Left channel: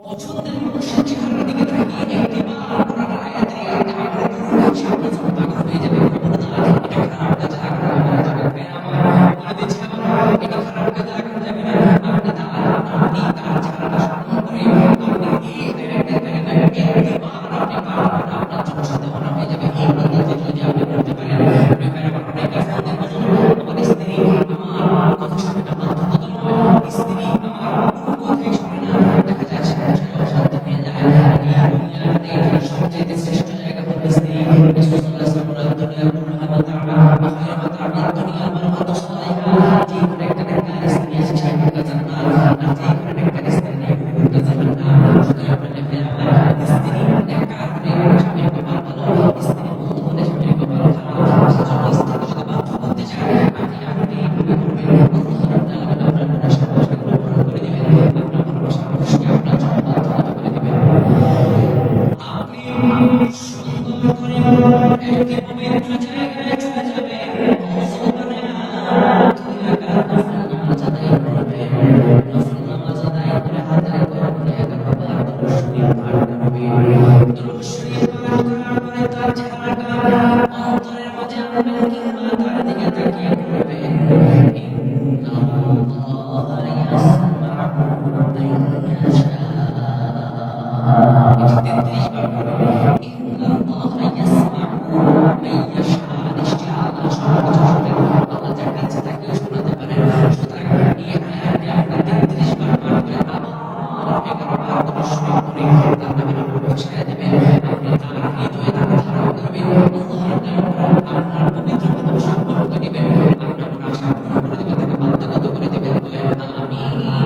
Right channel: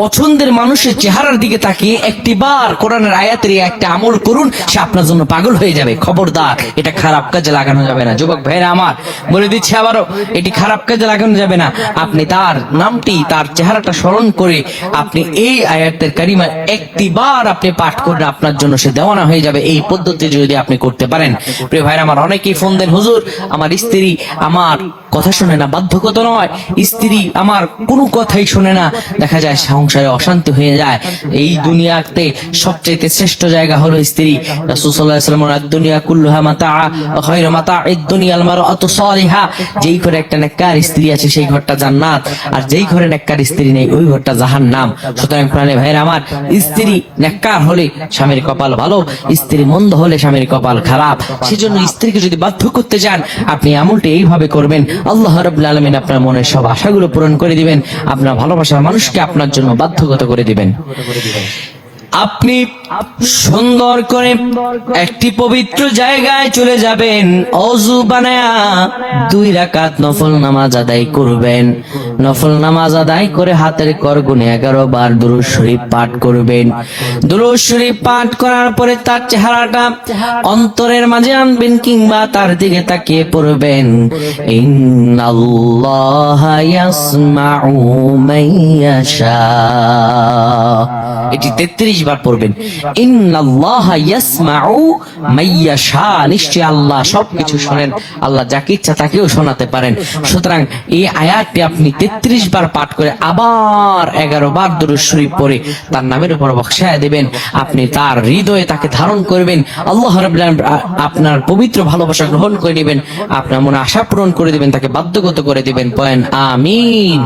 পছন্দের মানুষের চেহারার দিকে তাকিয়ে একটিবার কোরআনের আয়াতের একটা আমল করুন, সে আপনার জন্য পাগল হয়ে যাবে। খবরদার, এটা খারাপ কাজে লাগানো যাবে না। যুবক ভাইরা আমার, বলে দিচ্ছি আবারও, এটি খারাপ কাজে লাগানো যাবে না। আপনি তার নামটি, তার চেহারাটা স্মরণ করে আপনি এই আয়াতের কারিমা একটিবার আপনি পাঠ করেন, আপনার জন্য সে দেওয়ানা হয়ে যাবে। এই পদ্ধতি যদি আপনি করতে পারেন। প্রিয় ভাইরা আমার, অনেকেই ফোন দেন, হুজুর আমার স্ত্রী আমার কথা শোনে না। বাধ্যগত নয়, স্ত্রী আমার কোনো কথাই শোনে না, দেখা যায় সংসারে অশান্তি হয়ে যায়। এই দুনিয়াতে সবচেয়ে শ্রেষ্ঠ জায়গা হলো স্ত্রী। রাসূল সাল্লাল্লাহু আলাইহি ওয়াসাল্লাম বলেন, দুনিয়া কুল্লুহা মাতা ওয়া খায়রু মাতা'আদ দুনিয়াল মারআতু সালিহা। যেই ঘরে একটা নেককার স্ত্রী আছে সেই ঘরটা জান্নাত, আর যেই ঘরে নেককার স্ত্রী নেই ওই ঘরটা জাহান্নাম। সুতরাং প্রাণে ভাইরা আমার, স্ত্রী নেককার হলে স্বামীর কপাল ভালো, স্ত্রী মন্দ হলে স্বামীর কপাল খারাপ। সেজন্য স্ত্রীকে যদি বাধ্য করতে চান, আপনি আমলটি এইভাবে করবেন, আল্লাহ রাব্বুল আলামিন আপনার মনের সব আশাগুলো পূরণ করে দিবেন, আপনার ভালোবাসার মানুষকে আপনার জন্য বাধ্যগত করে দিবেন। আপনি সুন্দর করে একটি পবিত্র জায়গায় চলে যাবেন, ওযু বানায়া 2 রাকাত নফল নামাজ আদায় করবেন। নফল নামাজ আদায় করে হাতের করগুনে 11 বার দুরূদ শরীফ পাঠ করবেন। দুরূদ শরীফ পাঠ করার পরে তার চেহারাটা অন্তরের মাঝে আনবেন, কিংবা তার দিকে তাকিয়ে পড়বেন, ইন্নাল্লাহা ইয়াসমাউ মাইয়াশা। এটি 33 বার পড়বেন। ইন্নাল্লাহা ইয়াসমাউ মাইয়াশা, নিশ্চয় আল্লাহ সবকিছু শোনেন, আল্লাহ যাকে ইচ্ছা তাকেও শোনাতে পারেন। সুতরাং এই আয়াতটি আপনি 33 বার পাঠ করে আবার 11 বার দুরূদ শরীফ পড়ে তার নামের উপর বক্সায় দিবেন। আপনি তার হৃদয়ে তাকে ধারণ করবেন, আল্লাহ রাব্বুল আলামিন আপনার পবিত্র ভালোবাসা গ্রহণ করে নেবেন, আপনার মনে আশা পূরণ করে দিবেন, তাকে বাধ্যগত করে দিবেন। বলেন আমিন।